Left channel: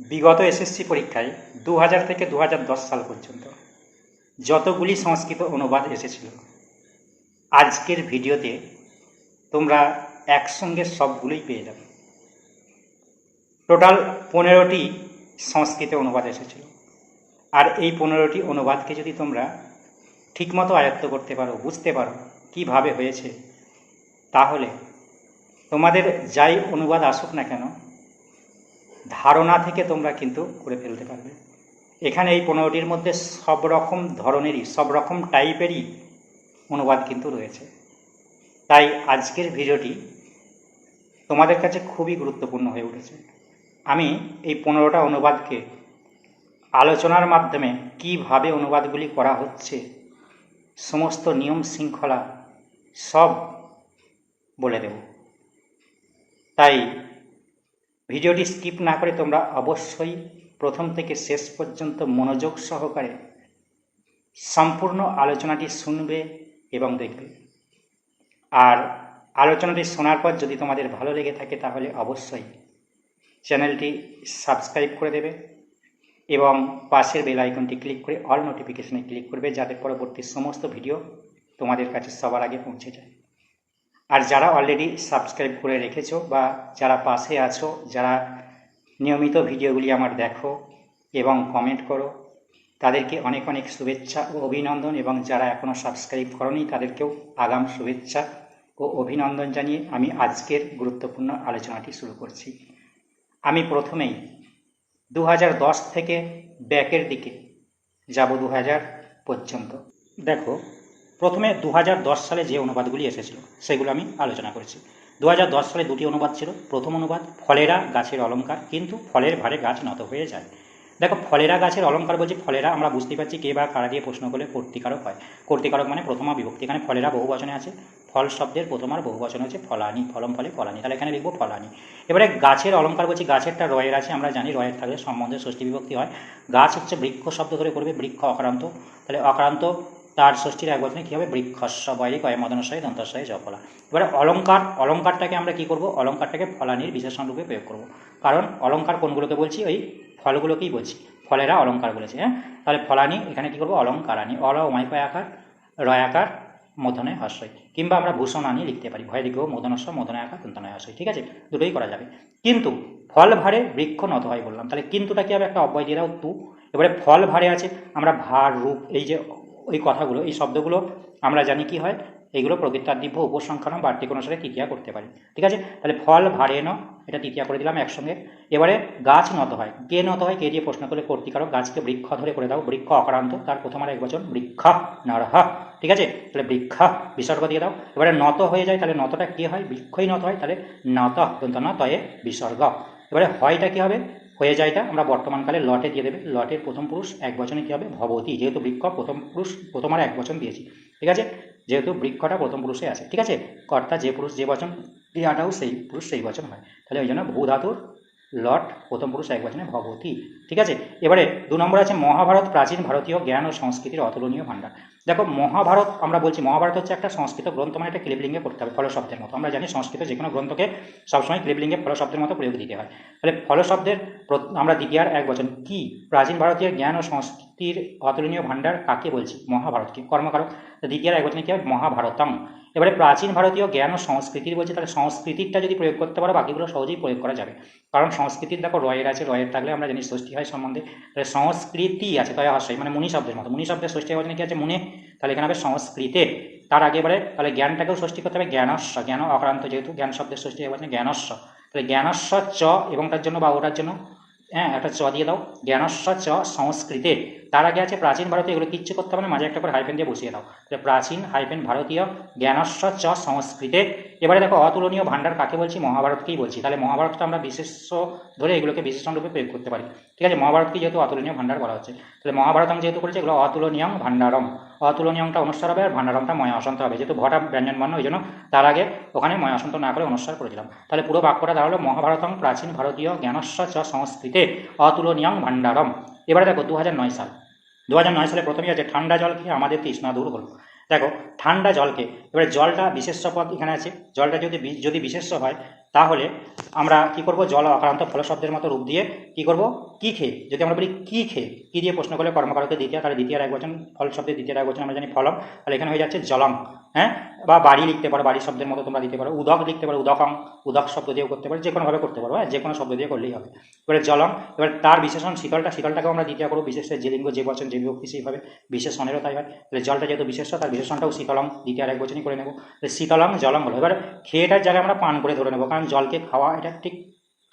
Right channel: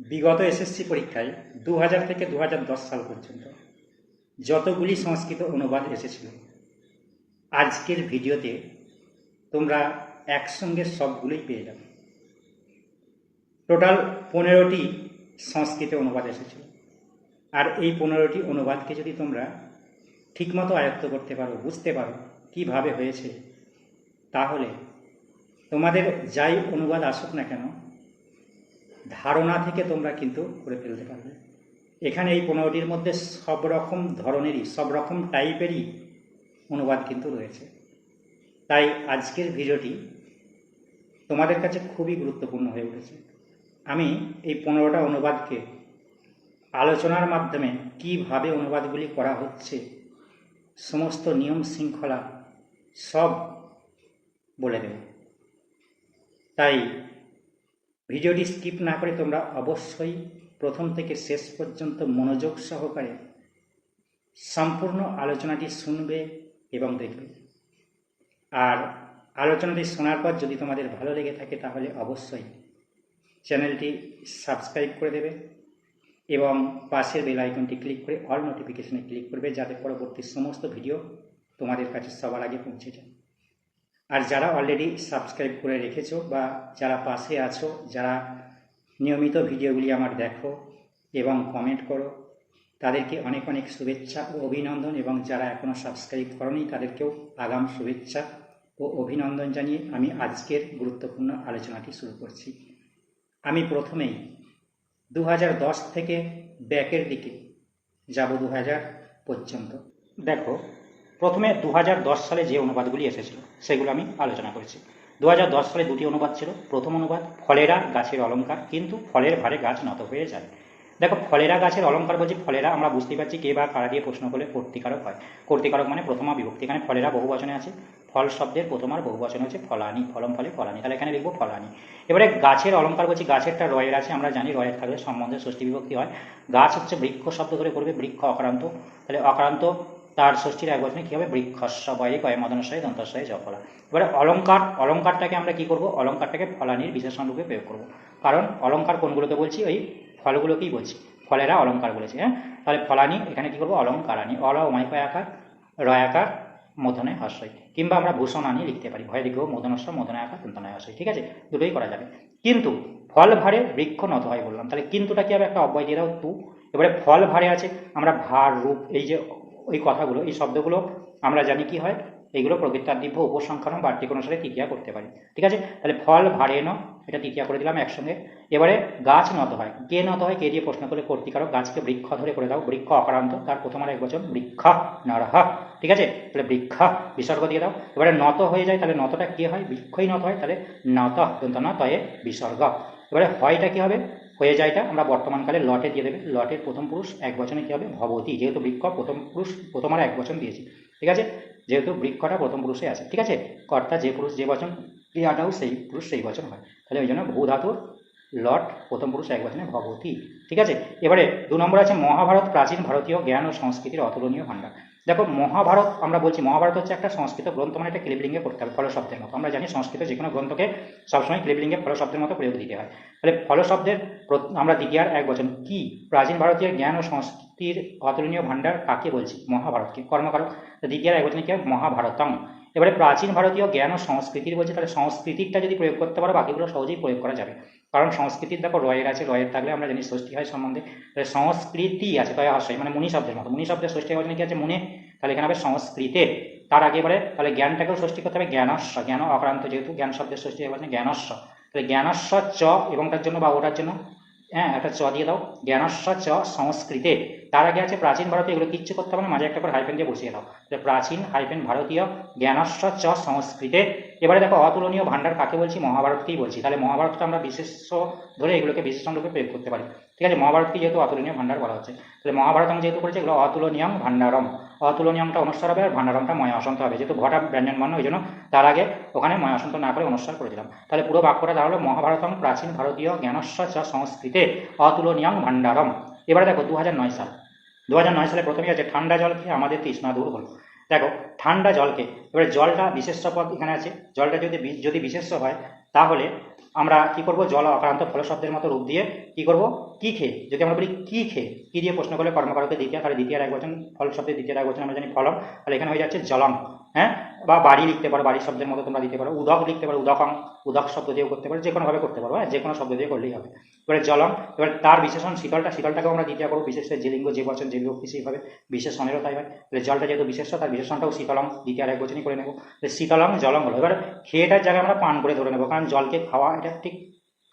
বিগত এসএসসি পরীক্ষায় দু হাজার থেকে দু হাজার দশ সাল পর্যন্ত যতগুলি সংস্কৃত অনুবাদ এসেছিল, আজকের ভিডিওতে তোমরা একসঙ্গে সবগুলোই পেয়ে যাবে। টোটাল পনেরোটি সংস্কৃত অনুবাদ এসেছিল। আর এই পনেরোটি অনুবাদকে যদি তোমরা ঠিকমতো আয়ত্ত করতে পারো, বুঝতে পারো কীভাবে হয়েছে, তাহলে তোমাদের যাই অনুবাদ আসুক না কেন ধারণা থেকে তোমরা কিন্তু করে ফেলতে পারবে। এখানে এই পনেরোটির মধ্যে সব রকম ধরনেরই সব রকম টাইপেরই অনুবাদ কিন্তু রয়েছে। তাই আজকের ভিডিওটি তোমাদের কাছে খুবই গুরুত্বপূর্ণ হয়ে উঠেছে। আমি এই পনেরোটা অনুবাদকে আলোচনার মাধ্যমে কীভাবে অনুবাদগুলি করা হচ্ছে, সমস্ত নিয়ম শৃঙ্খলা সব বলে দেব। তাই ভিডিওটি স্কিপ না করে তোমরা অবশ্যই প্রথম থেকে শেষ পর্যন্ত মনোযোগ সহকারে সম্পূর্ণ আলোচনাটি শুনবে এবং দেখবে। আর আলোচনাটি শোনার পর যদি তোমাদের ভালো লেগে থাকে তাহলে অবশ্যই চ্যানেলটি সাবস্ক্রাইব করে দেবে এবং পাশের বেল আইকনটি ক্লিক করে অল নোটিফিকেশনে ক্লিক করবে যাতে পরবর্তী সমস্ত ভিডিও তোমাদের কাছে সবার আগে পৌঁছে যায়। আর যারা অলরেডি সাবস্ক্রাইব করে রেখেছো বা যারা পাশে আছো, যারা নিয়মিত ভিডিওগুলি আমার দেখো এবং কমেন্ট করো, তাদেরকে অনেক অনেক শুভেচ্ছা ও অভিনন্দন এবং যারা এখনও সাবস্ক্রাইব করনি, তাদেরকেও আগাম শুভেচ্ছা ও অভিনন্দন জানিয়ে আমি আজকের গুরুত্বপূর্ণ আলোচনাটি শুরু করছি। আমি প্রথমেই দু হাজার দশ থেকে ব্যাকের দিকে যাব দু হাজার পর্যন্ত। দেখো প্রথমে দু হাজার দশ সালে যে অনুবাদগুলি এসেছিল, সেগুলো আমি আলোচনা করেছি। দু হাজার দশ সালে দুটি অনুবাদ ছিল। প্রথম অনুবাদ, ফলেরা গাছের অলঙ্কার, কিন্তু ফলের ভারে গাছ নত হয়ে যায়। দেখো, ফলেরা গাছের অলঙ্কার বলছি, ফলেরা আমরা বুঝতে পারছি কে বা কারা দিয়ে প্রশ্ন করলে কর্তিকারক হয়। কর্তিকারক মানে প্রথমা বিভক্তি এখানে ফলেরা বহু বচনে আছে। ফল শব্দের প্রথমার বহু বচন হচ্ছে ফলানি, ফলম ফলে ফলানি। তাহলে এখানে লিখব ফলানি। এবারে গাছের অলঙ্কার বলছি, গাছেরটা রয়ের আছে, আমরা জানি রয়ের থাকলে সম্বন্ধে ষষ্ঠী বিভক্তি হয়। গাছ হচ্ছে বৃক্ষ শব্দ করে করবে, বৃক্ষ অক্রান্ত। তাহলে অক্রান্ত তার ষষ্ঠীর এক বচনে কী হবে বৃক্ষস্ব কয়ে মদনশয়ে দন্তশয়ে জফলা এবারে অলঙ্কার, অলঙ্কারটাকে আমরা কি করব? অলঙ্কারটাকে ফলানির বিশেষণ রূপে প্রয়োগ করব। কারণ অলঙ্কার কোনগুলোকে বলছি? ওই ফলগুলোকেই বলছি। ফলেরা অলঙ্কার বলেছি হ্যাঁ? তাহলে ফলানি, এখানে কি করব? অলঙ্কারানি। অল উমাইকয় আকার রয়াকার মদনে হাস্যই কিংবা আমরা ভূষণ আনি লিখতে পারি। ভয় লিখব মদনস্ব মদনে আকার তন্তনয় হাস্যই ঠিক আছে? দুটোই করা যাবে। কিন্তু ফল ভারে বৃক্ষ নত হয় বললাম। তাহলে কিন্তুটা কি হবে? একটা অব্যয় দিয়ে দাও, তু। এবারে ফল ভারে আছে। আমরা ভার, রূপ, এই যে ওই কথাগুলো, এই শব্দগুলো আমরা জানি কি হয়? এইগুলো প্রকৃতাদিভ্য উপসংখ্যান বাড়তি কোনো সাথে তৃতীয়া করতে পারি। ঠিক আছে? তাহলে ফল, ভারে ন এটা তৃতীয়া করে দিলাম একসঙ্গে। এবারে গাছ নত হয়। কে নত হয়? কে দিয়ে প্রশ্ন করলে কর্তিকারক গাছকে বৃক্ষ ধরে করে দাও। বৃক্ষ অকারান্ত তার প্রথম আর এক বছর বৃক্ষ নরহ। ঠিক আছে? তাহলে বৃক্ষ, বিসর্গ দিয়ে দাও। এবারে নত হয়ে যায়, তাহলে নতটা কি হয়? বৃক্ষই নত হয়, তাহলে নত দন্ত নতয়ে বিসর্গ। এবারে হয়টা কি হবে? হয়ে যায় যায়টা আমরা বর্তমানকালে লটে দিয়ে দেবে। লটের প্রথম পুরুষ এক বচনে কী হবে? ভবতী, যেহেতু বৃক্ষ প্রথম পুরুষ প্রথম আর এক বচন দিয়েছি। ঠিক আছে? যেহেতু বৃক্ষটা প্রথম পুরুষে আছে। ঠিক আছে? কর্তা যে পুরুষ যে বচন ক্রিয়াটাও সেই পুরুষ সেই বচন হয়। তাহলে ওই জন্য বহু ধাতুর লট প্রথম পুরুষ এক বচনে ভবতী। ঠিক আছে? এবারে দু নম্বর আছে মহাভারত, প্রাচীন ভারতীয় জ্ঞান ও সংস্কৃতির অতুলনীয় ভাণ্ডার। দেখো, মহাভারত, আমরা বলছি মহাভারত হচ্ছে একটা সংস্কৃত গ্রন্থ মানে একটা ক্লিবলিঙ্গে করতে হবে ফলশব্দের মতো। আমরা জানি সংস্কৃত যে কোনো গ্রন্থকে সবসময় ক্লিবলিঙ্গে ফলশব্দের মতো প্রয়োগ দিতে হয়। তাহলে ফলশব্দের আমরা দ্বিতীয়ার এক বছর, কি প্রাচীন ভারতীয় জ্ঞান ও সংস্কৃতির অতুলনীয় ভাণ্ডার কাকে বলছি? মহাভারতকে, কর্মকারক। দ্বিতীয়ার এক বছর কি মহাভারতম। এবারে প্রাচীন ভারতীয় জ্ঞান ও সংস্কৃতির বলছে তাহলে সংস্কৃতিটা যদি প্রয়োগ করতে পারো, বাকিগুলো সহজেই প্রয়োগ করা যাবে। কারণ সংস্কৃতির দেখো রয়ের আছে, রয়ের থাকলে আমরা জানি ষষ্ঠী হয় সম্বন্ধে। তাহলে সংস্কৃতি আছে তয় হাস্যই মানে মুনি শব্দের মতো। মুনি শব্দের ষষ্ঠী বচনে কি আছে? মুনে। তাহলে এখানে হবে সংস্কৃতের তার আগে এবারে তাহলে জ্ঞানটাকেও ষষ্ঠী করতে হবে, জ্ঞানস্ব। জ্ঞান অক্রান্ত যেহেতু, জ্ঞান শব্দের ষষ্ঠী বচনে জ্ঞানস্ব। তাহলে জ্ঞানস্ব চ এবং তার জন্য বা ওটার জন্য হ্যাঁ একটা চ দিয়ে দাও। জ্ঞানস্ব চ সংস্কৃতে। তার আগে আছে প্রাচীন ভারতীয়, এগুলো কিচ্ছু করতে হবে না, মাঝে একটা করে হাইপেন দিয়ে বসিয়ে দাও তাহলে প্রাচীন হাইপেন ভারতীয় জ্ঞানস্ব চ সংস্কৃতে এবারে দেখো, অতুলনীয় ভাণ্ডার কাকে বলছি? মহাভারতকেই বলছি। তাহলে মহাভারতটা আমরা বিশেষ ধরে এগুলোকে বিশেষণ রূপে প্রয়োগ করতে পারি। ঠিক আছে, মহাভারতকে যেহেতু অতুলনীয় ভাণ্ডার বলা হচ্ছে, তাহলে মহাভারতম যেহেতু করেছে, এগুলো অতুলনীয়ম ভাণ্ডারম। অতুলনীয়মটা অনুসার হবে, আর ভাণ্ডারমটা ময় অসন্ত হবে। যেহেতু ভটা ব্যঞ্জন বর্ণ ওই জন্য তার আগে ওখানে ময় অসন্ত না করে অনুসার করে দিলাম। তাহলে পুরো বাক্যটা দাঁড়াল মহাভারতম প্রাচীন ভারতীয় জ্ঞানস্ব চ সংস্কৃতে অতুলনীয়ম ভাণ্ডারম। এবারে দেখো দু সাল। দু সালে প্রথমেই আছে ঠান্ডা জল খেয়ে আমাদের তৃষ্ণা দূর হলো দেখো ঠান্ডা জলকে, এবারে জলটা বিশেষ্য পদ এখানে আছে। জলটা যদি যদি বিশেষ্য হয়, তাহলে আমরা কি করব? জল অক্রান্ত ফলশব্দের মতো রূপ দিয়ে কি করব? কি খেয়ে? যদি আমরা বলি কি খেয়ে, কী দিয়ে প্রশ্ন করলে কর্মকারকে দ্বিতীয়, তাহলে দ্বিতীয় এক বচন ফল শব্দের দ্বিতীয় এক বচন আমরা জানি ফলম। তাহলে এখানে হয়ে যাচ্ছে জলম হ্যাঁ? বা বাড়ি লিখতে পারো, বাড়ির শব্দের মতো তোমরা দিতে পারো, উদক লিখতে পারো, উদকং, উদক শব্দ দিয়েও করতে পারো যে কোনোভাবে করতে পারো হ্যাঁ? যে কোনো শব্দ দিয়ে করলেই হবে। এবারে জলম এবার তার বিশেষণ শীতলটা, শীতলটাকেও আমরা দ্বিতীয় করব, বিশেষ যে লিঙ্গ যে বচন যে বিভক্তি সেইভাবে বিশেষণেরও তাই হয়। তাহলে জলটা যেহেতু বিশেষ তার বিশেষণটাও শীতলম দ্বিতীয় এক বচনই করে নেব। শীতলম জলম হলো এবার খেয়েটার জায়গায় আমরা পান করে ধরে নেব, কারণ জলকে খাওয়া এটা ঠিক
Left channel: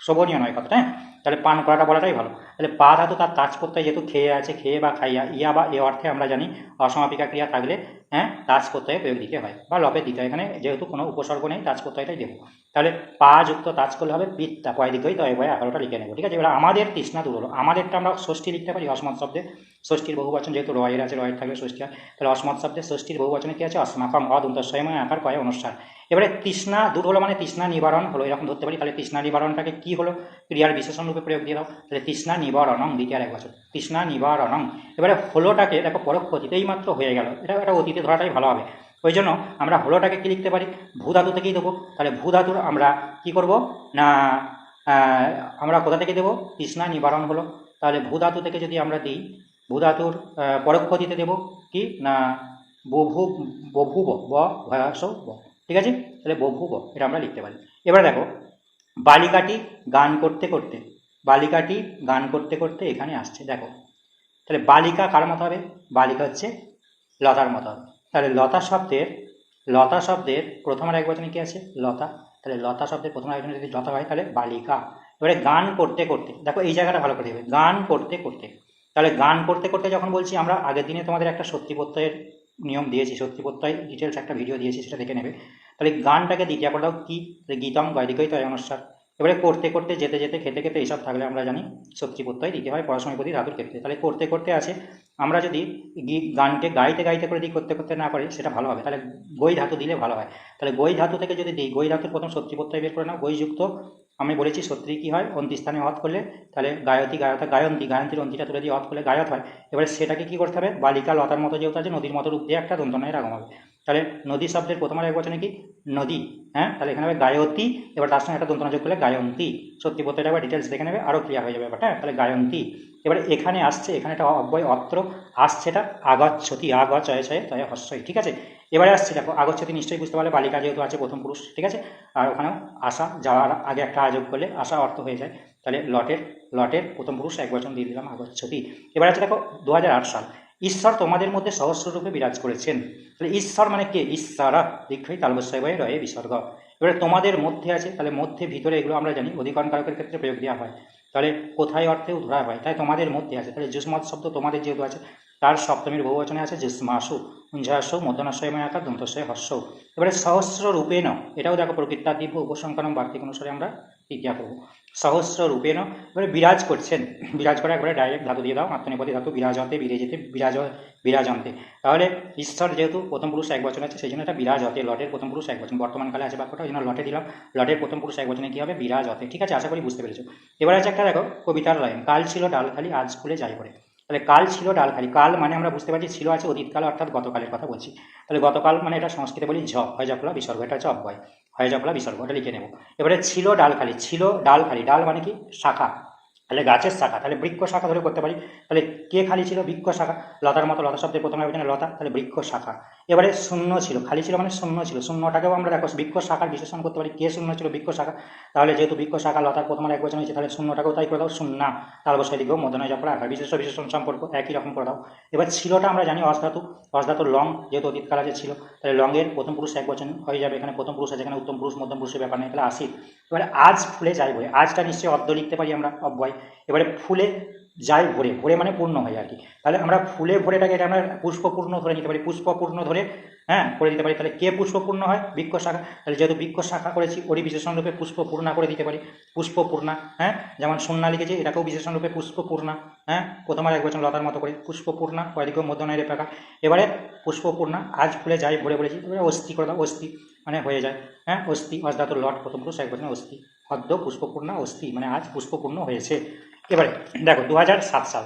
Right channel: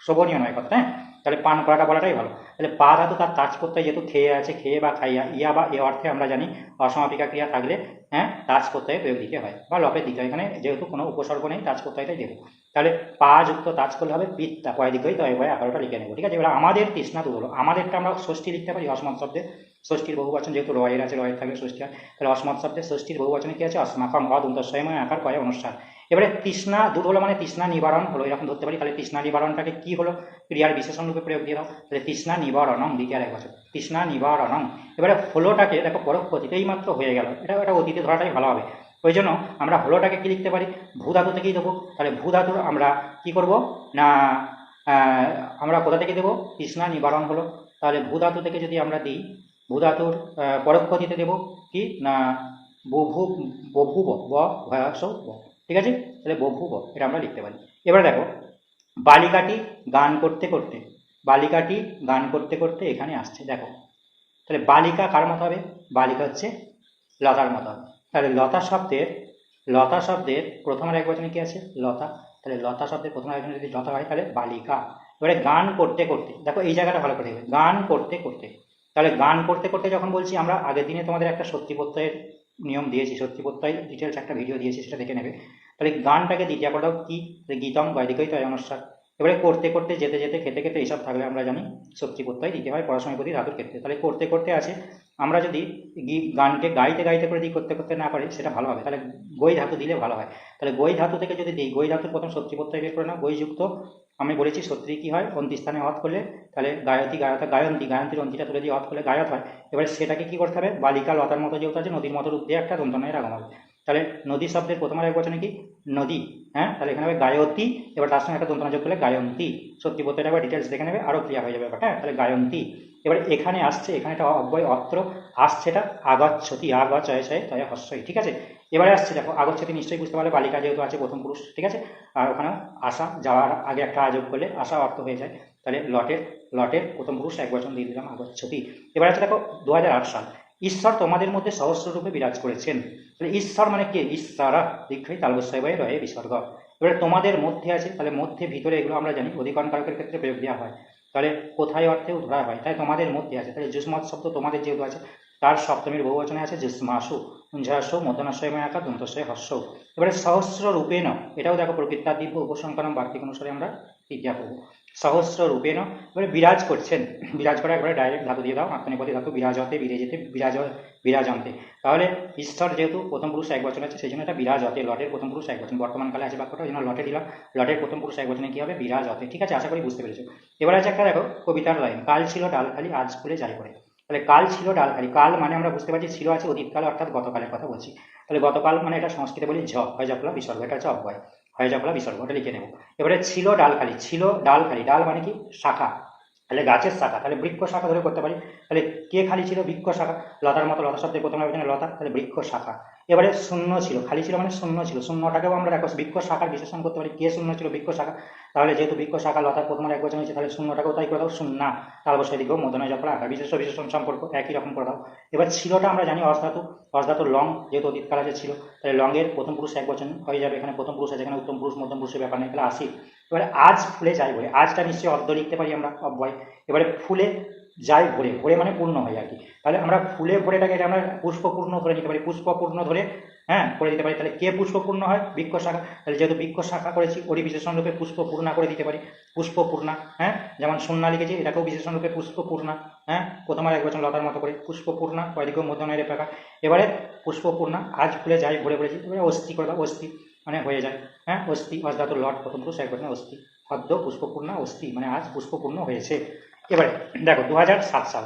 শোভনীয় নয় কথা হ্যাঁ? তাহলে পান করাটা বলাটাই ভালো। তাহলে পা ধাতু তার তাজ করতে যেহেতু খেয়ে আছে, খেয়ে বা খাইয়া, ইয়া বা এ অর্থে আমরা জানি অসমাপিকা ক্রিয়া থাকলে হ্যাঁ তাজ প্রত্যয়ে প্রয়োগ দিতে হয়, বা লপের দিতে হয়, এখানে যেহেতু কোনো উপসর্গ নেই তাজ প্রত্যয়টাই দেবো। তাহলে পা যুক্ত তাজ করলে হবে পিত্তা, কয় দিকেই তয় ভয় আকারটা লিখে নেব, ঠিক আছে? এবার আমাদের তৃষ্ণা দূর হলো আমাদেরটা আমরা ষষ্ঠী লিখতে পারি, অসমান শব্দে। ষষ্ঠীর বহুবচন যেহেতু রয়ের আছে, রয়ের থাকলে ষষ্ঠী হয়, তাহলে অসমান শব্দে ষষ্ঠীর বহুবচনে কী আছে? অসমাকম, অদন্তস্বয়ময় আকার, কয় অনুষ্ঠান এবারে তৃষ্ণা দূর হলো মানে তৃষ্ণা নিবারণ হলো। এরকম ধরতে পারি। তাহলে তৃষ্ণা নিবারণটাকে কি হলো? ক্রিয়ার বিশেষণ রূপে প্রয়োগ দিয়ে দাও। তাহলে তৃষ্ণা নিবারণং, দ্বিতীয় এক বছর। তৃষ্ণা নিবারণং। এবারে হলোটাকে, দেখো পরোক্ষ অতীতেই মাত্র হয়ে গেল। এটা একটা অতীতে ধরাটাই ভালো হবে। ওই জন্য আমরা হলোটাকে কি লিখতে পারি? ভূ ধাতু থেকেই দেবো। তাহলে ভূ ধাতু আমরা কি করব? না আমরা কোথা থেকে দেবো? তৃষ্ণা নিবারণ হলো। তাহলে ভূ ধাতু থেকে যদি আমরা দিই ভূ ধাতুর পরোক্ষ অতীতে দেবো কি? না, বভু, বভুব, ব, ভয়াস ঠিক আছে? তাহলে বভুব এটা আমরা লিখতে পারি। এবার দেখো, বালিকাটি গান করতে করতে, বালিকাটি গান করতে করতে এখানে আসছে, দেখো। তাহলে বালিকা কার মতো হবে? বালিকা হচ্ছে লতার মতো হবে। তাহলে লতা শব্দের লতা শব্দের প্রথম এক বচনে কি আছে? লতা। তাহলে লতা শব্দের প্রথম এক যদি লতা হয়, তাহলে বালিকা। এবারে গান করতে করতে, দেখো এই জায়গাটা ভালো করে দেবে গান করতে করতে, তাহলে গান করতে করতে যখন বলছি আমরা, আগের দিনে তোমাদের একটা সত্যি প্রত্যয়ের নিয়ম দিয়েছি, সত্যি প্রত্যয় ডিটেলস একটা ভিডিও দিয়েছি, সেটা দেখে নেবে। তাহলে গানটাকে দ্বিতীয় করলেও কি গীতম বৈদিকই তয় অনুষ্ঠান এবারে করতে করতে, যেতে যেতে, খেতে খেতে এইসব থাকলে আমরা জানি সত্যি প্রত্যয়, দিতে হয় পড়াশোনা প্রতি ধাতুর ক্ষেত্রে। তাহলে করতে করতে আছে, আমরা যদি গানকে গাইতে গাইতে করে দিই, করতে করতে না পারি, সেটা ভালো হবে। তাহলে গই ধাতু দিলে ভালো হয়। তাহলে গই ধাতু থেকে যদি দিই, গই ধাতুর প্রথম সত্যি প্রত্যয় বের করে নাও গইযুক্ত আমি বলেছি সত্যি কি হয় অন্তি স্থানে হত করলে তাহলে গায়তী গায়তা, গায়ন্তী, গায়ন্তীর অন্তিটা তুলে দিয়ে হত করলে গায়ত হয়। এবারে সেটাকে কী করতে হবে? বালিকা, লতার মতো যেহেতু আছে, নদীর মতো রূপ দিয়ে একটা দন্তনয়ের আগম হবে। তাহলে নদী শব্দের প্রথম আর এক বচনে কি? নদী হ্যাঁ? তাহলে এখানে হবে গায়তী এবার তার সঙ্গে একটা দন্তনা যোগ করলে গায়ন্তী। সত্যি প্রত্যয়টা আবার ডিটেলস দেখে নেবে আরও ক্লিয়ার হয়ে যাবে ব্যাপারটা হ্যাঁ? তাহলে গায়ন্তী। এবারে এখানে আসছে, এখানে একটা অব্যয় অত্র আসছে এটা আগচ্ছতি আগ চয় চয় তয় হস্যই ঠিক আছে? এবারে আসছে, দেখো আগচ্ছতি নিশ্চয়ই বুঝতে পারলে বালিকা যেহেতু আছে প্রথম পুরুষ, ঠিক আছে? আর ওখানে আসা যাওয়ার আগে একটা আযোগ করলে আসা অর্থ হয়ে যায়। তাহলে লটের লটের প্রথম পুরুষ এক বচন দিয়ে দিলাম আগচ্ছতি এবার আছে, দেখো দু হাজার আট সাল। ঈশ্বর তোমাদের মধ্যে সহস্ররূপে বিরাজ করেছেন। তাহলে ঈশ্বর মানে কে? ঈশ্বরা দীর্ঘই তালবস্যয় বয়ে রয়ে বিসর্গ। এবারে তোমাদের মধ্যে আছে, তাহলে মধ্যে, ভিতরে এগুলো আমরা জানি, অধিকরণ কারকের ক্ষেত্রে প্রয়োগ দেওয়া হয়। তাহলে কোথায় অর্থেও ধরা হয়? তাই তোমাদের মধ্যে আছে। তাহলে যুষ্মত শব্দ তোমাদের যেহেতু আছে তার সপ্তমীর বহুবচনে আছে, জিস্মাসু উঞ্জাস মদনাশয়ময় আকার দন্তশয় হর্ষ। এবারে সহস্র রূপেণ এটাও দেখো প্রকৃতা দিব্য উপসংকরণ বার্তিক অনুসারে আমরা তৃতীয়া করব। সহস্র রূপেণ এবারে বিরাজ করছেন। বিরাজ করার পরে ডাইরেক্ট ধাতু দিয়ে দাও, আত্মনিপতি ধাতু, বিরাজতে, বিরেজেতে, বিরাজ, বিরাজন্তে। তাহলে ঈশ্বর যেহেতু প্রথম পুরুষ এক বচন আছে, সেই জন্য এটা বিরাজ হতে লটের প্রথম পুরুষ এক বচন। বর্তমানকালে আছে বাক্যটা, ওই জন্য লটে দিলাম। লটের প্রথম পুরুষ এক বচনে কী হবে? বিরাজ হতে ঠিক আছে, আশা করি বুঝতে পেরেছ। এবার আছে একটা দেখো, কবিতার লাইন, কাল ছিল ডাল খালি আজ ফুলে যাই করে। তাহলে কাল ছিল ডালখালি কাল মানে আমরা বুঝতে পারছি ছিল আছে অতীতকাল অর্থাৎ গতকালের কথা বলছি। তাহলে গতকাল মানে এটা সংস্কৃতে বলি ঝ, হয় যফলা বিসর্গ, এটা হচ্ছে হয় হয় জফলা বিসর্গ, এটা লিখে নেব। এবারে ছিল ডালখালি ছিল ডাল খালি ডাল মানে কি? শাখা। তাহলে গাছের শাখা। তাহলে বৃক্ষ শাখা ধরে করতে পারি। তাহলে কে খালি ছিল? বৃক্ষ শাখা। লতার মতো লতা শব্দের প্রথমে লতা। তাহলে বৃক্ষ শাখা। এবারে শূন্য ছিল, খালি ছিল মানে শূন্য ছিল। শূন্যটাকেও আমরা দেখো বৃক্ষ শাখার বিশেষণ করতে পারি। কে শূন্য ছিল বৃক্ষ শাখা? তাহলে যেহেতু বৃক্ষ শাখা লতার প্রথম এক বছর হয়েছে, তাহলে শূন্যটাকেও তাই করে দাও, শূন্যা। তার বসায় দিব মদনয় যখন আকার বিশেষ বিশেষণ সম্পর্ক একই রকম করে দাও। এবার ছিলটা আমরা জানি অসধাতু অসধাতু লং, যেহেতু অতীতকাল আছে ছিল। তাহলে লংয়ের প্রথম পুরুষ এক বচন হয়ে যাবে। এখানে প্রথম পুরুষ আছে, এখানে উত্তম পুরুষ, মধ্যম পুরুষের ব্যাপার নেই, তাহলে আসি এবারে আজ ফুলে যাই বলে, আজটা নিশ্চয়ই অর্ধ লিখতে পারি আমরা, অব্যয়। এবারে ফুলে যাই ভরে ভরে মানে পূর্ণ হয় আর কি। তাহলে আমরা ফুলে ভরেটাকে এটা আমরা পুষ্পপূর্ণ ধরে নিতে পারি, পুষ্পপূর্ণ ধরে হ্যাঁ করে দিতে পারি। তাহলে কে পুষ্পপূর্ণ হয়? বৃক্ষ শাখা তাহলে যেহেতু বৃক্ষ শাখা করেছি, ওরই বিশেষণ রূপে পুষ্পপূর্ণা করে দিতে পারি। পুষ্পপূর্ণা হ্যাঁ যেমন সন্না লিখেছি, এটাকেও বিশেষণ রূপে পুষ্পপূর্ণা হ্যাঁ প্রথমবার এক বছর লতার মতো করে। পুষ্পপূর্ণা, কয়দিকেও মধ্যনয়ের প্রকার এবারে পুষ্পপূর্ণা, আজ ফুলে যাই ভরে ভরেছি, এবারে অস্থি করে দাও, অস্থি মানে হয়ে যায় হ্যাঁ অস্থি অজদাত লট, প্রথম পুরুষ এক বছর অস্থি। অদ্য পুষ্পপূর্ণা, অস্থি মানে আজ পুষ্পপূর্ণ হয়েছে। এবারে, দেখো দু সাল।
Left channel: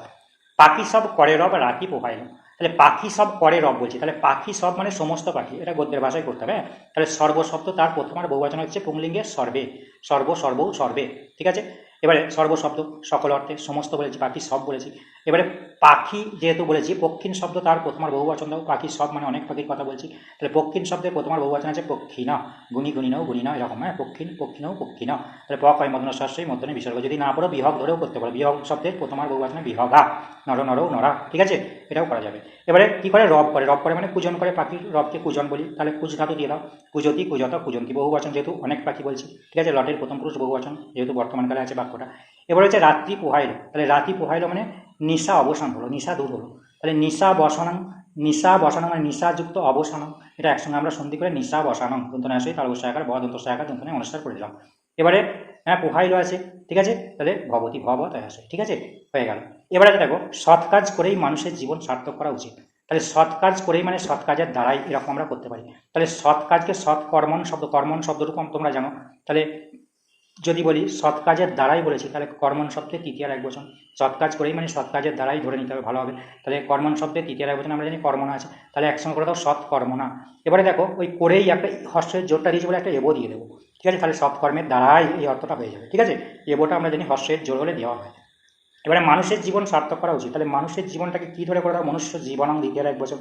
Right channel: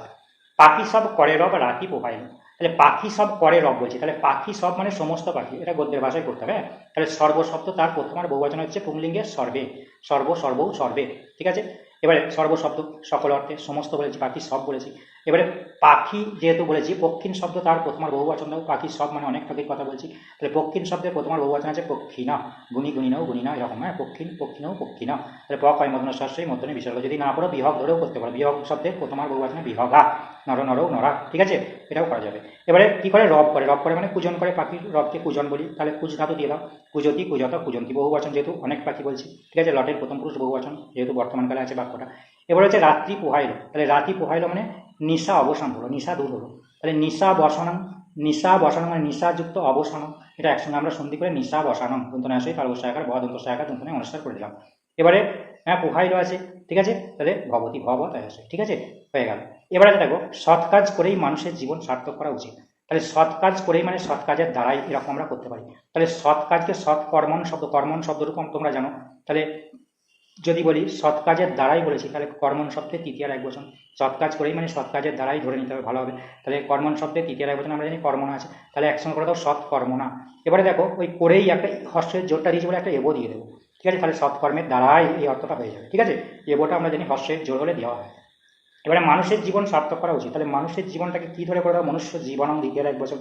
পাখি সব করে রব, রাখি পোহায়। তাহলে পাখি সব করে রব বলছি। তাহলে পাখি সব মানে সমস্ত পাখি। এটা গদ্যের ভাষায় করতে হবে হ্যাঁ? তাহলে সর্বশব্দ তার প্রথম আর বহুবচন হচ্ছে পুংলিঙ্গের সর্বে। সর্ব সর্ব। সর্বে ঠিক আছে? এবারে সর্বশব্দ সকল অর্থে সমস্ত বলেছি, পাখি সব বলেছি। এবারে পাখি যেহেতু বলেছি পক্ষিন শব্দ তার প্রথমার বহুবচন দাও পাখি সব মানে অনেক পাখির কথা বলছি। তাহলে পক্ষিন শব্দের প্রথমার বহুবচন আছে পক্ষী না গুণী গুণী নাও গুণী না এরকম হ্যাঁ পক্ষিন পক্ষী নাও পক্ষী না তাহলে পক হয় মদন শাস্ত্রী মধ্যে বিসর্গ, যদি না পড়ো, বিহগ ধরেও করতে পারো। বিহগ শব্দের প্রথমার বহুবচনে বিহগা, নর নরও নরা, ঠিক আছে? এটাও করা যাবে। এবারে কি করে? রব করে। রব করে মানে পূজন করে পাখির রবকে পূজন বলি। তাহলে কুজ ধাতু দিয়ে দাও। কুজতি, কুজতা পূজন্তি বহুবচন যেহেতু অনেক পাখি বলছি, ঠিক আছে? লটের প্রথম পুরুষ বহুবচন, যেহেতু বর্তমানকালে আছে বাক্যটা। এবার হচ্ছে রাত্রি পোহাইল। তাহলে রাত্রি পোহাইল মানে নিশা অবসান হলো, নিশা দূর হলো। তাহলে নিশা বসানম নিশা বসানো মানে নিশাযুক্ত অবসানম এটা একসঙ্গে আমরা সন্ধি করে নিশা বসানম দন্তনে আসে তার সহায়কার ব দন্ত সহায়কার দন্তনে অনুষ্ঠান করে দিলাম। এবারে হ্যাঁ পোহাইল আছে, ঠিক আছে? তাহলে ভবতী ভব তাই আসে, ঠিক আছে? হয়ে গেল। এবারে দেখো, সৎ কাজ করেই মানুষের জীবন সার্থক করা উচিত। তাহলে সৎ কাজ করেই মানে সৎ কাজের দ্বারাই এরকম আমরা করতে পারি। তাহলে সৎ কাজকে সৎ কর্মণ শব্দ কর্মণ শব্দরূপ তোমরা জানো। তাহলে যদি বলি সৎ কাজের দ্বারাই বলেছি, তাহলে কর্মণ শব্দের তৃতীয় এক বচন। সৎ কাজ করেই মানে সৎ কাজের দ্বারাই ধরে নিতে হবে, ভালো হবে। তাহলে কর্মণ শব্দের তৃতীয় এক বচন আমরা জানি কর্মণা আছে। তাহলে একসঙ্গে করে দাও সৎ কর্মণা এবারে দেখো, ওই করেই একটা হর্ষের জোরটা দিয়েছে বলে একটা এবো দিয়ে দেবো। ঠিক আছে, তাহলে সৎ কর্মের দ্বারাই এই অর্থটা হয়ে যাবে। ঠিক আছে? এবোটা আমরা জানি হর্ষের জোর হলে দেওয়া হয়। এবারে মানুষের জীবন সার্থক করা উচিত। তাহলে মানুষের জীবনটাকে কী ধরে করে মনুষ্য জীবনং দ্বিতীয় এক বছর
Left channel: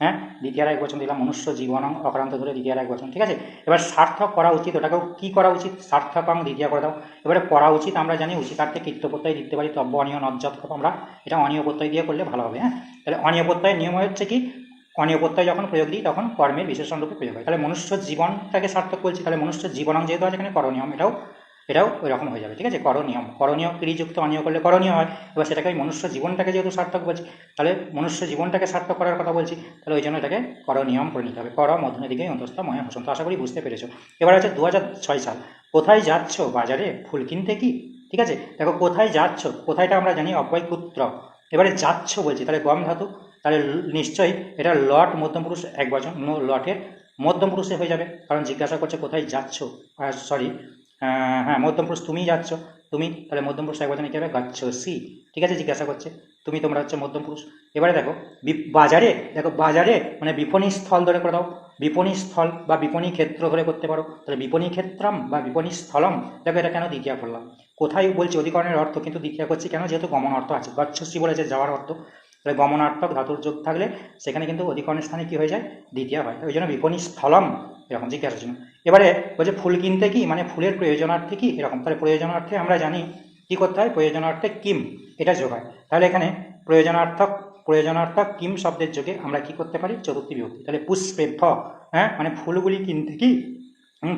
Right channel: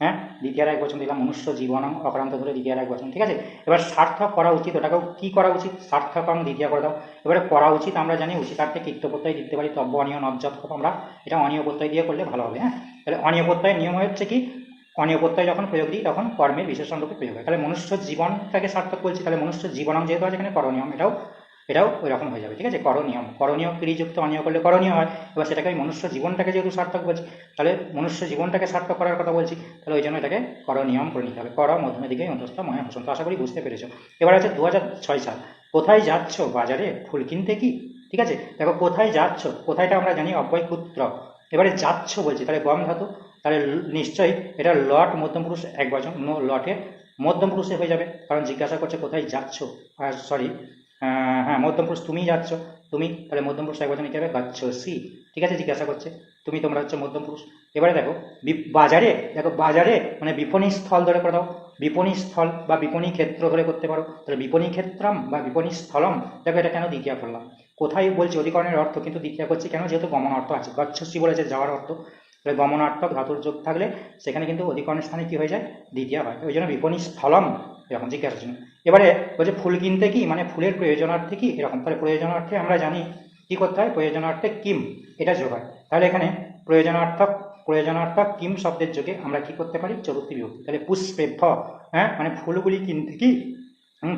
হ্যাঁ? দ্বিতীয় এক বচন দিলাম, মনুষ্য জীবন অক্রান্ত ধরে দ্বিতীয় এক বচন, ঠিক আছে? এবার সার্থক করা উচিত, ওটাকেও কী করা উচিত? সার্থকং দ্বিতীয় করে দাও। এবারে করা উচিত, আমরা জানি উচিতার্থে কীর্ত প্রত্যয় দিতে পারি তব্য, অনিয়, নজ্জত আমরা এটা অনিয় প্রত্যয় দিয়ে করলে ভালো হবে হ্যাঁ? তাহলে অনিয় নিয়ম হচ্ছে কি? অনিয় প্রত্যয় যখন প্রয়োগ দিই, তখন কর্মের বিশেষণ রূপে প্রয়োগ হয়। তাহলে মনুষ্য জীবনটাকে সার্থক বলছি, তাহলে মনুষ্য জীবনং যেহেতু আছে এখানে করণীয়, এটাও এটাও ওই রকম হয়ে যাবে, ঠিক আছে? করণীয় করণীয় ক্রিযুক্ত অনিয় করলে করণীয় হয়, এবার সেটাকে আমি মনুষ্য জীবনটাকে যেহেতু সার্থক বলছি, তাহলে মনুষ্য জীবনটাকে সার্থক করার কথা বলছি, তাহলে ওই জন্য এটাকে করণীয়ম করে নিতে হবে। কর, মধ্যমে দিকে অন্তস্থ ময়া হোসন তো আশা করি বুঝতে পেরেছ। এবার আছে দু সাল। কোথায় যাচ্ছ বাজারে? ফুল কিনতে কি? ঠিক আছে? দেখো, কোথায় যাচ্ছ? কোথায়টা আমরা জানি? অব্যয় পুত্র এবারে যাচ্ছ বলছি, তাহলে গম ধাতু, তাহলে নিশ্চয়ই এটা লট মধ্যম পুরুষ এক বচন লটের মধ্যম পুরুষে হয়ে যাবে। কারণ জিজ্ঞাসা করছে, কোথায় যাচ্ছ? সরি হ্যাঁ মধ্যম পুরুষ, তুমিই যাচ্ছ। তুমি তাহলে মধ্যম পুরুষ একবার নিতে হবে, গাচ্ছ সি। ঠিক আছে, জিজ্ঞাসা করছে। তুমি তোমরা হচ্ছে মধ্যম পুরুষ। এবারে দেখো বাজারে দেখো, বাজারে মানে বিপণী স্থল ধরে করে দাও। বিপণী স্থল বা বিপণী ক্ষেত্র ধরে করতে পারো। তাহলে বিপণী ক্ষেত্রম বা বিপণী স্থলম, দেখো এটা কেন দ্বিতীয় করলাম। কোথায় বলছি অধিকরণের অর্থ, কিন্তু দ্বিতীয় করছি কেন? যেহেতু গমন অর্থ আছে। গচ্ছসি বলেছে যাওয়ার অর্থ। তাহলে গমনার্থক, ধাতুর যোগ থাকলে সেখানে কিন্তু অধিকরণের স্থানে কী হয়ে যায়? দ্বিতীয় হয়। ওই জন্য বিপণী স্থলম এরকম জিজ্ঞাসা জন্য এবারে বলছে ফুল কিনতে কি মানে ফুলের প্রয়োজনার্থে কি এরকম? তাহলে প্রয়োজনার্থে আমরা জানি কী করতে হয়, প্রয়োজনার্থে কিম, এটা যোগ হয় তাহলে এখানে প্রয়োজনার্থক প্রয়োজনার্থক কিম শব্দের যোগে আমরা কি করতে পারি? চতুর্থী বিভক্তি। তাহলে পুষ্পেভ্য হ্যাঁ? মানে ফুলগুলি কিনতে কি?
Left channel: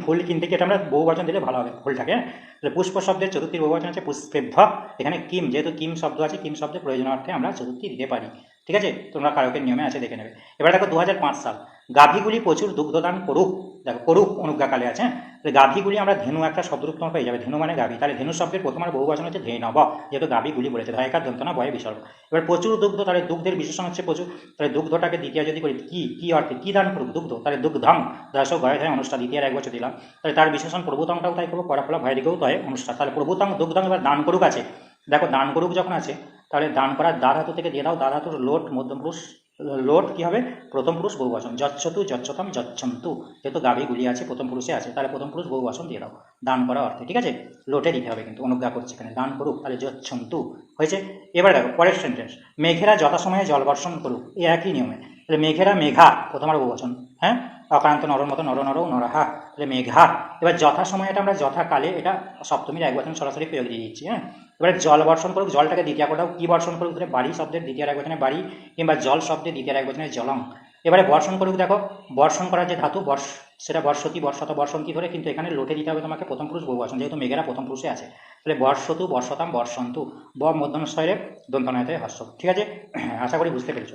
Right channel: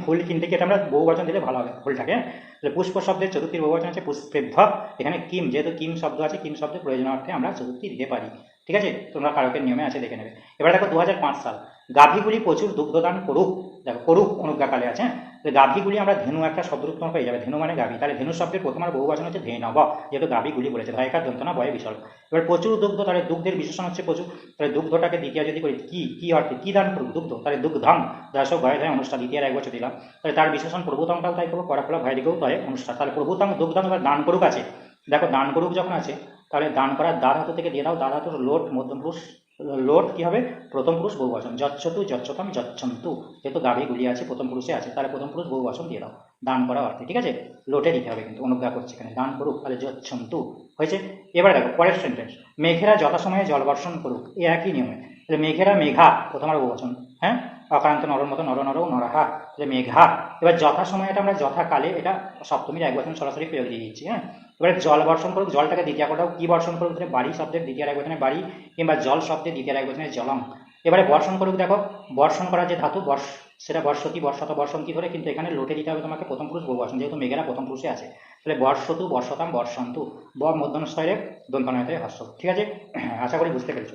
ফুল কিনতে কি এটা আমরা বহুবচন দিলে ভালো হবে ফুলটাকে। তাহলে পুষ্প শব্দের চতুর্থীর বহুবচন আছে পুষ্পেভ্য এখানে কিম, যেহেতু কিম শব্দ আছে, কিম শব্দের প্রয়োজনার্থে আমরা চতুর্থী দিতে পারি। ঠিক আছে? তোমরা কারকের নিয়মে আছে, দেখে নেবে। এবার দেখো দু হাজার পাঁচ সাল। গাভীগুলি প্রচুর দুগ্ধদান করুক। দেখো, করুক অনুজ্ঞাকালে আছে তাহলে গাভীগুলি আমরা ধেনু একটা শব্দরূপ পেয়ে যাবে। ধেনু মানে গাভী। তাহলে ধেনু শব্দের প্রথম আর বহু বচন হচ্ছে ধেনব যেহেতু গাভীগুলি বলেছে। ধায়িকার যন্ত্রণা বয়ে বিসর্গ এবার প্রচুর দুগ্ধ, তাহলে দুগ্ধের বিশেষণ হচ্ছে প্রচুর। তাহলে দুগ্ধটাকে দ্বিতীয় যদি করি, কি কি অর্থে, কি দান করুক দুগ্ধ? তাহলে দুগ্ধম দাস গয়ে ধায় অনুষ্ঠান দ্বিতীয় এক বছর দিলাম। তাহলে তার বিশেষণ প্রভুতংটাও তাই করব করাফলা, ভয় দিকেও তাই অনুষ্ঠান। তাহলে প্রভুতং দুগ্ধম এবার দান করুক আছে। দেখো, দান করুক যখন আছে, তাহলে দান করার দ্বার হাতু থেকে দিয়ে দাও। দ্বার হাতুর লোট মধ্যম পুরুষ লোট কী হবে? প্রথম পুরুষ বহুবচন যচ্ছতু, যচ্ছতম, যচ্ছন্তু। যেহেতু গাভীগুলি আছে, প্রথম পুরুষে আছে, তাহলে প্রথম পুরুষ বহুবচন দিয়ে দাও। দান করা অর্থে, ঠিক আছে? লোটে দিতে হবে কিন্তু, অনুজ্ঞা করছে এখানে। দান করুক, তাহলে যচ্ছন্তু। হয়েছে? এবার দেখো, পরের সেন্টেন্স মেঘেরা যথাসময়ে জলবর্ষণ করুক, এ একই নিয়মে। তাহলে মেঘেরা মেঘা, প্রথম আর বহুবচন হ্যাঁ? অকারান্ত নরর মতো নর নর নরহা, তাহলে মেঘা। এবার যথাসময়ে এটা আমরা যথাকালে, এটা সপ্তমীর এক বচন সরাসরি প্রয়োগ দিয়ে দিচ্ছি হ্যাঁ? এবারে জল বর্ষণ করুক জলটাকে দ্বিতীয় কোথাও কী বর্ষণ করুক ধরে বাড়ি শব্দের দ্বিতীয় এক বচনে বাড়ি কিংবা জল শব্দের দ্বিতীয় এক বচনে জলং। এবারে বর্ষণ করুক দেখো, বর্ষণ করার যে ধাতু, বর্ষ, সেটা বর্ষতি, বর্ষত, বর্ষন্তি ধরে কিন্তু এখানে লোটে দিতে হবে তোমাকে প্রথম পুরুষ বহু বর্ষণ যেহেতু মেঘেরা প্রথম পুরুষে আছে। তাহলে বর্ষতু, বর্ষতাম, বর্ষন্তু, ব মধ্যম স্তরে দন্তনায়তের হর্ষ ঠিক আছে? আশা করি বুঝতে পেরেছ।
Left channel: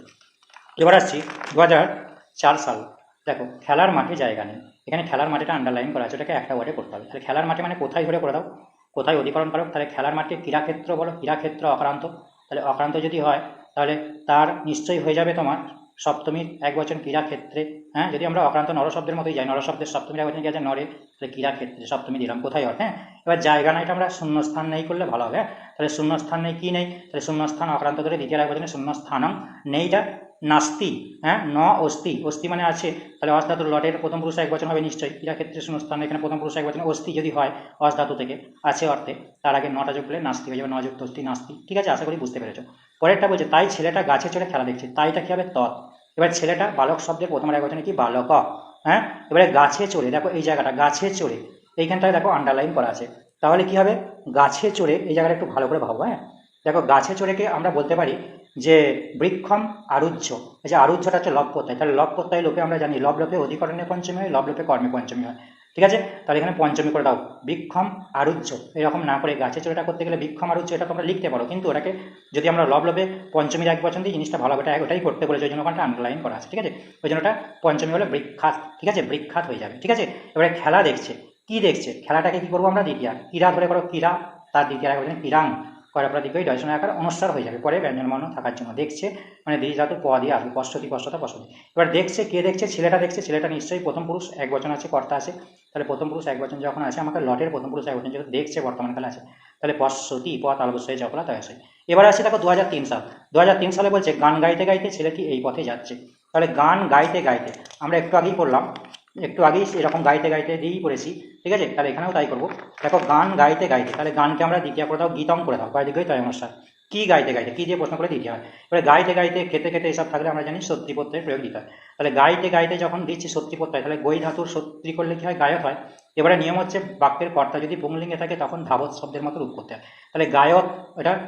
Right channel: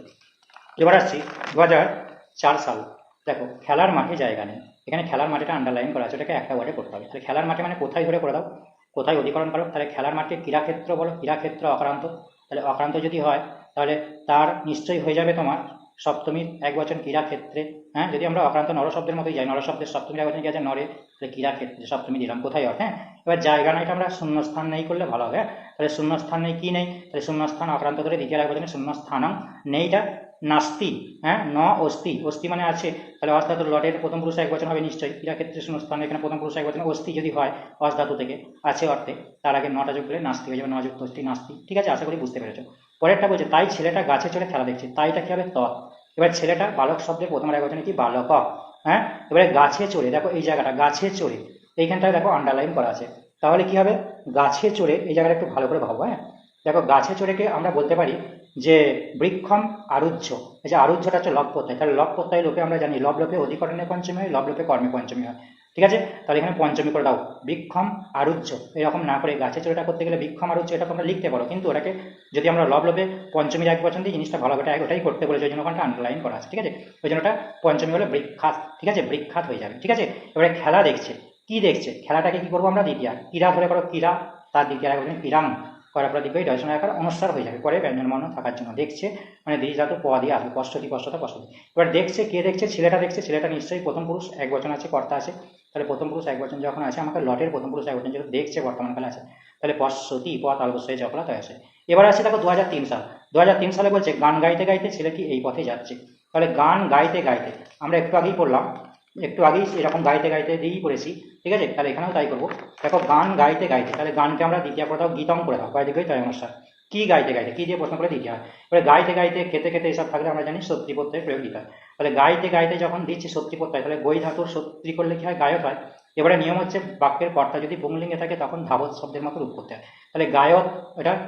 এবার আসছি দু চার সাল। দেখো, খেলার মাঠে জায়গা নেই। এখানে খেলার মাঠেটা আন্ডারলাইন করা আছে এটাকে একটা ওয়ার্ডে করতে হবে। তাহলে খেলার মাঠে মানে কোথায় ধরে করে দাও? কোথায় অধিকরণ করো তাহলে খেলার মাঠকে ক্রীড়াক্ষেত্র বলো, ক্রীড়াক্ষেত্র অক্রান্ত। তাহলে অক্রান্ত যদি হয়, তাহলে তার নিশ্চয়ই হয়ে যাবে তোমার সপ্তমীর এক বচন ক্রীড়াক্ষেত্রে। হ্যাঁ যদি আমরা অক্রান্ত নরশব্দের মতোই যাই, নর শব্দের সপ্তমীর এক কি আছে নরে, তাহলে ক্রীড়াক্ষেত্রে সপ্তমী দিলাম। কোথায় হয়? হ্যাঁ এবার জায়গা না এটা আমরা শূন্যস্থান নেই করলে ভালো হবে। হ্যাঁ তাহলে শূন্যস্থান নেই, কী নেই? তাহলে শূন্যস্থান অক্রান্ত করে দ্বিতীয় এক বচনে শূন্যস্থানম নেইটা নাস্তি হ্যাঁ? ন অস্তি অস্তি মানে আছে, তাহলে অস ধাতুর লটের প্রথম পুরুষ এক বচন হবে নিশ্চয়ই। ক্রীড়া ক্ষেত্রে শূন্যস্থান এখানে প্রথম পুরুষ এক বচন। অস্তি যদি হয় অস ধাতু থেকে, আছে অর্থে, তার আগে নটা যোগ করলে নাস্তি হয়ে যাবে নযুক্ত অস্তি নাস্তি ঠিক আছে? আশা করি বুঝতে পেরেছ। পরেরটা বলছে, তাই ছেলেটা গাছে চড়ে খেলা দেখছে, তাইটা কি হবে? তৎ এবার ছেলেটা বালক শব্দের প্রথম এক বচনে কি? বালক। হ্যাঁ? এবারে গাছে চড়ে, দেখো এই জায়গাটা, গাছে চড়ে। এইখানটায় দেখো আন্ডারলাইন করা আছে। তাহলে কি হবে? গাছে চড়ে, এই জায়গাটা একটু ভালো করে ভাবো হ্যাঁ? দেখো গাছে চড়েকে আমরা বলতে পারি যে বৃক্ষম আরুহ্য যে আরুহ্যটা হচ্ছে লব প্রত্যয়। তাহলে লব প্রত্যয় লোকে আমরা জানি লব লোকে অধিকরণে পঞ্চমী হয়, লব লোকে কর্মে পঞ্চমী হয়। ঠিক আছে? তাহলে এখানে পঞ্চমী করে দাও। বৃক্ষম আরুহ্য, এরকম না করে গাছে চড়েটা করতে গেলে বৃক্ষম আরুহ্য এটা তোমরা লিখতে পারো। কিন্তু ওটাকে যদি আমরা লব লোভে পঞ্চমীর এক পছন্দ জিনিসটা ভালো ওটা ওটাই করতে বলেছে, ওই জন্য ওখানটা আন্ডারলাইন করা আছে। ঠিক আছে? ওই জন্য ওটা পঞ্চমী হলে বৃক্ষাত ঠিক আছে? বৃক্ষাত হয়ে যাবে। ঠিক আছে? এবারে খেলা দেখছে। কি দেখছে? খেলাটাকে কি করব আমরা? দ্বিতীয়। ক্রীড়া ধরে করো, ক্রীড়া। তার দ্বিতীয় ক্রীড়াং করা প্রদীপে দর্শন আকার অনুসার হয়ে যাবে। পরে ব্যঞ্জন বর্ণ থাকার জন্য দেখছে মানে দ্বি ধাতু প দিয়ে আসবে পশ্চতি পশ্চতা পশ্চতি এবার দেখছে, কে দেখছে? ছেলেটা দেখছে, ছেলেটা নিশ্চয়ই প্রথম পুরুষ, এক বচন আছে, কর্তা আছে। তাহলে প্রথম পুরুষ, এক বচন যখন আছে, আমাকে লটের প্রথম পুরুষ, এক বচন যেহেতু দেখছে বর্তমানকালে আছে, তাহলে পশ্চতি প তালবস্যই চকলা তাই আছে। এবার আছে দেখো দু হাজার তিন সাল। দু হাজার তিন সালে বলছে, গান গাইতে গাইতে ছেলেটি এই পথে যাচ্ছে? তাহলে গান গাইতে গাইতে, আমরা একটু আগেই করলাম একটু আগেই এরকম গাইতে গাইতে দিয়েই করেছি ঠিক আছে? তাহলে এখানেও তাই করব। দেখো, গান গাইতে গাইতে, তাহলে গানকে আমরা দ্বিতীয় করে দাও গীতম করে দাও বাইরে তাই অনুষ্ঠান কি গাইতে গাইতে? কি দিয়ে প্রশ্ন করে দিতে হয়। এবারে গাইতে গাইতে, খেতে খেতে এসব থাকলে আমরা জানি সত্যি প্রত্যয় প্রয়োগ দিতে হয় তাহলে গাইতে গাইতে যখন দিচ্ছি সত্যি প্রত্যয় তাহলে বই ধাতুর সত্যি করলে কি হয়? গায়ক হয়। এবারে নিয়ম হচ্ছে বাক্যের কর্তা যদি পুংলিঙ্গে থাকে, তখন ধাবত শব্দের মতো রূপ করতে হয়। তাহলে গায়ক, এটা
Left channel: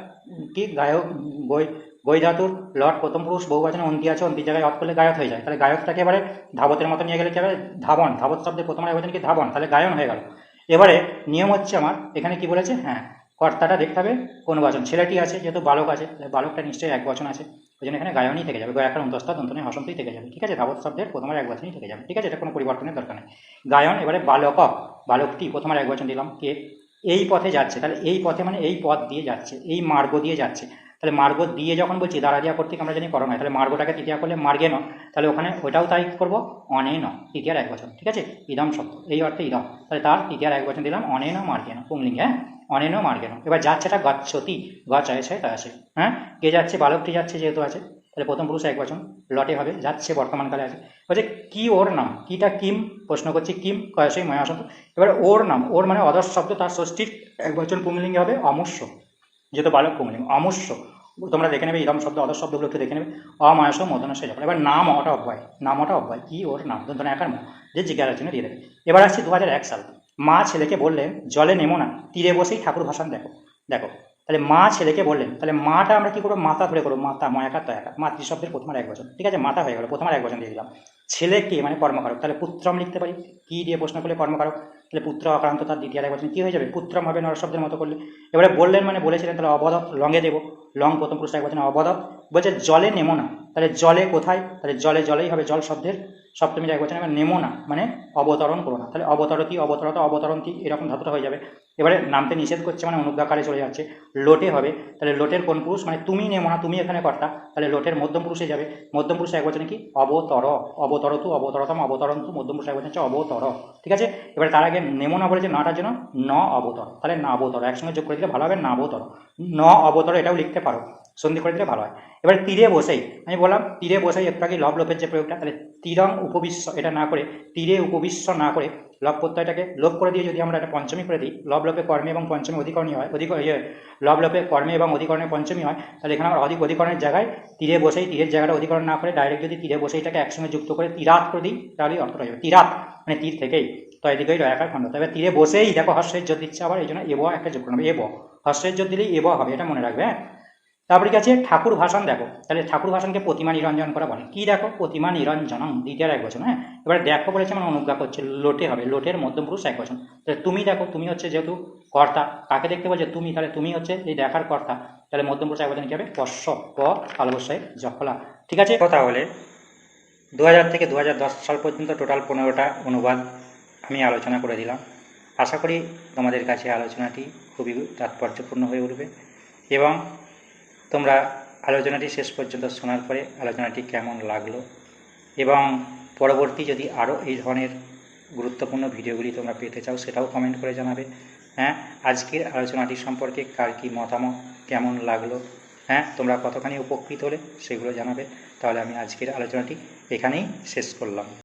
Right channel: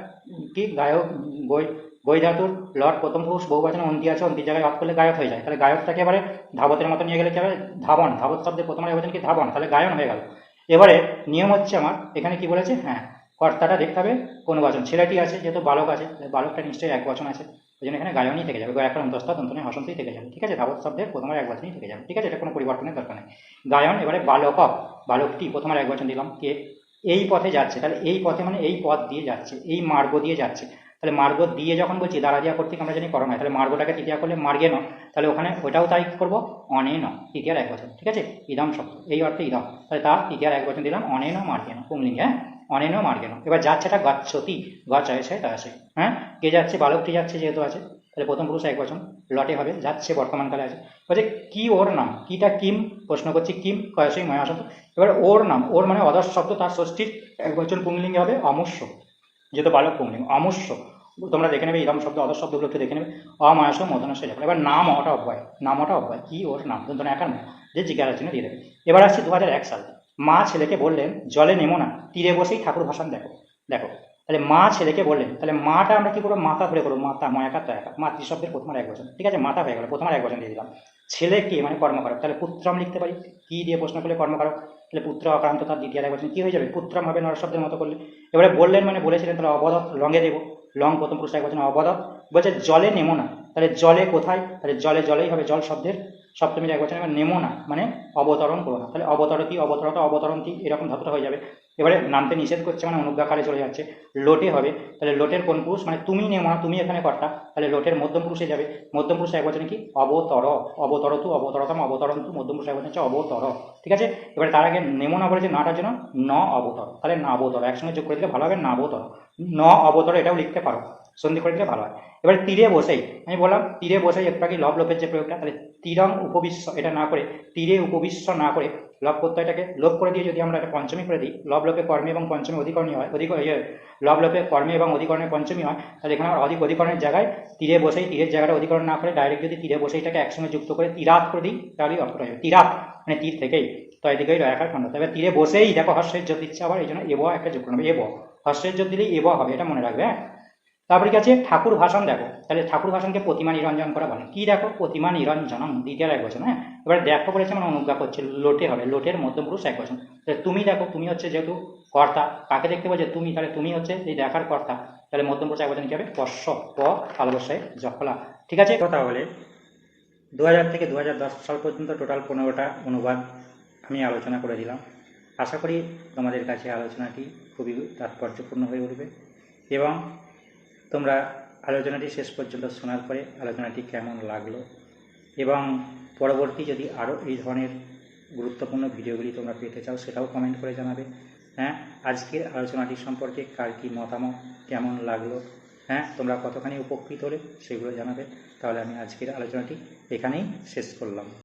কি? গায়ক, বই ধাতুর লট প্রথম পুরুষ, বহু বচনে, অন্তি আছে, অন্তির জায়গায় অর্থ করলে গায়ক হয়ে যায়। তাহলে গায়কটাকে এবারে? ধাবতের মতো নিয়ে গেলে কি ধাবন, ধাবত শব্দের প্রথম বচন কি? ধাবন, তাহলে গায়ন হয়ে গেল। এবারে নিয়ম হচ্ছে আমার, এখানে কি বলেছে? হ্যাঁ কর্তাটা দেখতে হবে কোন বচন। ছেলেটি আছে, যেহেতু বালক আছে বালকটা নিশ্চয়ই এক বচন আছে। ওই জন্য এখানে গায়নই থেকে যাবে, গায়কের অন্তস্থা তন্তনে হসন্তই থেকে যাবে। ঠিক আছে? ধাবত শব্দের প্রথমের এক বচনই থেকে যাবে। ঠিক আছে? এটা কোনো পরিবর্তনের দরকার নেই। গায়ন এবারে বালক, বালকটি প্রথমের এক বচন দিলাম, কে? এই পথে যাচ্ছে। তাহলে এই পথে মানে এই পথ দিয়ে যাচ্ছে, এই মার্গ দিয়ে যাচ্ছে। তাহলে মার্গ দিয়ে যখন বলছি দাঁড়া দিয়া কর্তৃক আমরা জানি করো না তাহলে মার্গটাকে তৃতীয়া করলে মার্গে ন তাহলে ওখানে ওটাও তাই করব অনে ন তৃতীয়ার এক বছর, ঠিক আছে? ইদম শব্দ, এই অর্থে ইদম। তাহলে তার তৃতীয়ার এক বছর দিলাম অনে ন মার্গে ন পুংলিঙ্গে হ্যাঁ? অনে ন মার্গে ন এবার যাচ্ছেটা গচ্ছতি, গছ আছে তা আছে হ্যাঁ? কে যাচ্ছে? বালকটি যাচ্ছে যেহেতু আছে, তাহলে প্রথম পুরুষ এক বছর, লটে হবে, যাচ্ছে বর্তমানকালে আছে। বলছে, কি ওর নাম? কিটা কিম? প্রশ্ন করছি, কিম কয়সই ময়া শব্দ। এবার ওর নাম, ওর মানে অদর্শ শব্দ, তার ষষ্ঠীর এক বছর পুংলিঙ্গে হবে অমুষ্য যেহেতু বালক পুংলিঙ্গ অমস্য। তোমরা দেখে নেবে ইরম শব্দ অদর শব্দগুলোকে দেখে নেবে। অমায়াস মদনস যখন এবার নাম অটা অব্যয়। নাম অটা অব্যয়। কি ওর নাম? দন্তন একার যে জিজ্ঞাসার জন্য দিয়ে দেবে। এবার আসছি দু হাজার এক সাল। মা ছেলেকে বললেন, জলে নেমো না, তীরে বসেই ঠাকুর ভাষণ দেখো। দেখো। তাহলে মা ছেলেকে বললেন, তাহলে মাটা আমরা কী করব? মাথা ধরে করব। মাতা ময়াকার তয়াকার মাতৃ শব্দের প্রথমের এক বছর ঠিক আছে, মাথা হয়ে গেল। প্রথমের এক বছর দিয়ে দিলাম। ছেলেকে মানে কর্মকারক। তাহলে পুত্রম লিখতে পারি? কি দিয়ে প্রশ্ন করলে কর্মকারক? তাহলে পুত্র আক্রান্ত তার দ্বিতীয় বছর। কী হয়ে যাবে? পুত্রম হবে নরশব্দের মতো করলে। এবারে বললেন মানে বলেছিলেন, তাহলে অবদত লঙে দেবো। লং প্রথম পুরুষ এক বছর অবদত বলছে, জলে নেমো না। তাহলে জলে কোথায়? তাহলে জলে, জলেই হবে জল শব্দের। সপ্তমীর এক বছর মানে নেমো না মানে অবতরণ করো না। তাহলে অবতরতি, অবতরত অবতরণতি এরকম ধাতুটা হয়ে যাবে। এবারে নামতে নিষেধ করছে মানে অনুজ্ঞাকারে চলে যাচ্ছে। লোটে হবে। তাহলে লোটের কোন পুরুষ? মানে তুমি নেমো না, তুমি এখানে কর্তা। তাহলে লোটের মধ্যম পুরুষে যাবে। মধ্যম পুরুষ এক কি? অবতর। অবতর তু অবতরতম, অবতরন্তু। মধ্যম পুরুষ এক হচ্ছে অবতর। ঠিক আছে? এবারে তার আগে নেমো না বলেছে নাটার জন্য ন অবতর। তাহলে না অবতর। একসঙ্গে যোগ করে দিলে ভালো হবে, না অবতর। ন অবতর এটাও লিখতে পারো। সন্ধি করে দিলে ভালো হয়। এবার তীরে বসেই, আমি বললাম, তীরে বসেই একটু আগে লব লোপের যে প্রয়োগটা, তাহলে তীরং উপবিশ্ব, এটা না করে, তীরে উপবিশ্ব না করে লব প্রত্যয়টাকে লোপ করে দিয়ে যদি আমরা একটা পঞ্চমী করে দিই, লব লোপে কর্মে এবং পঞ্চমী অধিকরণী হয়, অধিক ইয়ে লব লোপে কর্মে এবং অধিকরণে পঞ্চমী হয়, তাহলে এখানে অধিক অধিকরণের জায়গায় তীরে বসেই, তীরের জায়গাটা অধিকরণ না করে ডাইরেক্ট যদি তীরে বসেইটাকে একসঙ্গে যুক্ত করে তীরাত করে দিই, তাহলেই অর্থটা হবে তীরাত মানে তীর থেকেই। তো এদিকেই রয়াকার খণ্ড। তবে তীরে বসেই দেখো হর্ষের যোগ দিচ্ছে আবার এই জন্য এব একটা যোগ করবে এব, হর্ষের যোগ দিলেই এব হবে, এটা মনে রাখবে হ্যাঁ? তারপরে কাছে ঠাকুর ভাষণ দেখো। তাহলে ঠাকুর ভাষণকে প্রতিমা নিরঞ্জন করা বলে। কি দেখো? প্রতিমা নিরঞ্জনম দ্বিতীয় এক বছর হ্যাঁ? এবার দেখো বলেছে মানে অনুজ্ঞা করছে, লোটে হবে, লোটের মধ্যপুরুষ এক বছর তাহলে তুমি দেখো, তুমি হচ্ছে যেহেতু কর্তা, কাকে দেখতে বলছে? তুমি। তাহলে তুমি হচ্ছে এই দেখার কর্তা। তাহলে মধ্যপুরুষ এক বছর কি হবে? কশ্য প ভালোবস্যই জফলা ঠিক আছে? কথা বলে দু হাজার থেকে দু হাজার দশ সাল পর্যন্ত টোটাল পনেরোটা অনুবাদ আমি আলোচনা করে দিলাম। আশা করি তোমাদের কাছে আলোচনাটি খুবই তাৎপর্যপূর্ণ হয়ে উঠবে। এবং তোমরা আলোচনাটি শেষ পর্যন্ত শোনার পরে আলোচনাটি কেমন লাগল? এবং পরবর্তী যদি আরও এই ধরনের গুরুত্বপূর্ণ ভিডিওগুলি তোমরা পেতে চাও, সেটাও কমেন্ট করে জানাবে। হ্যাঁ আজকের আলোচনাটি সম্পর্কে কার কী মতামত, কেমন লাগল? হ্যাঁ তোমরা কতখানি উপকৃত হলে সেগুলো জানাবে। তাহলে আমি আজকের আলোচনাটি এখানেই শেষ করলাম।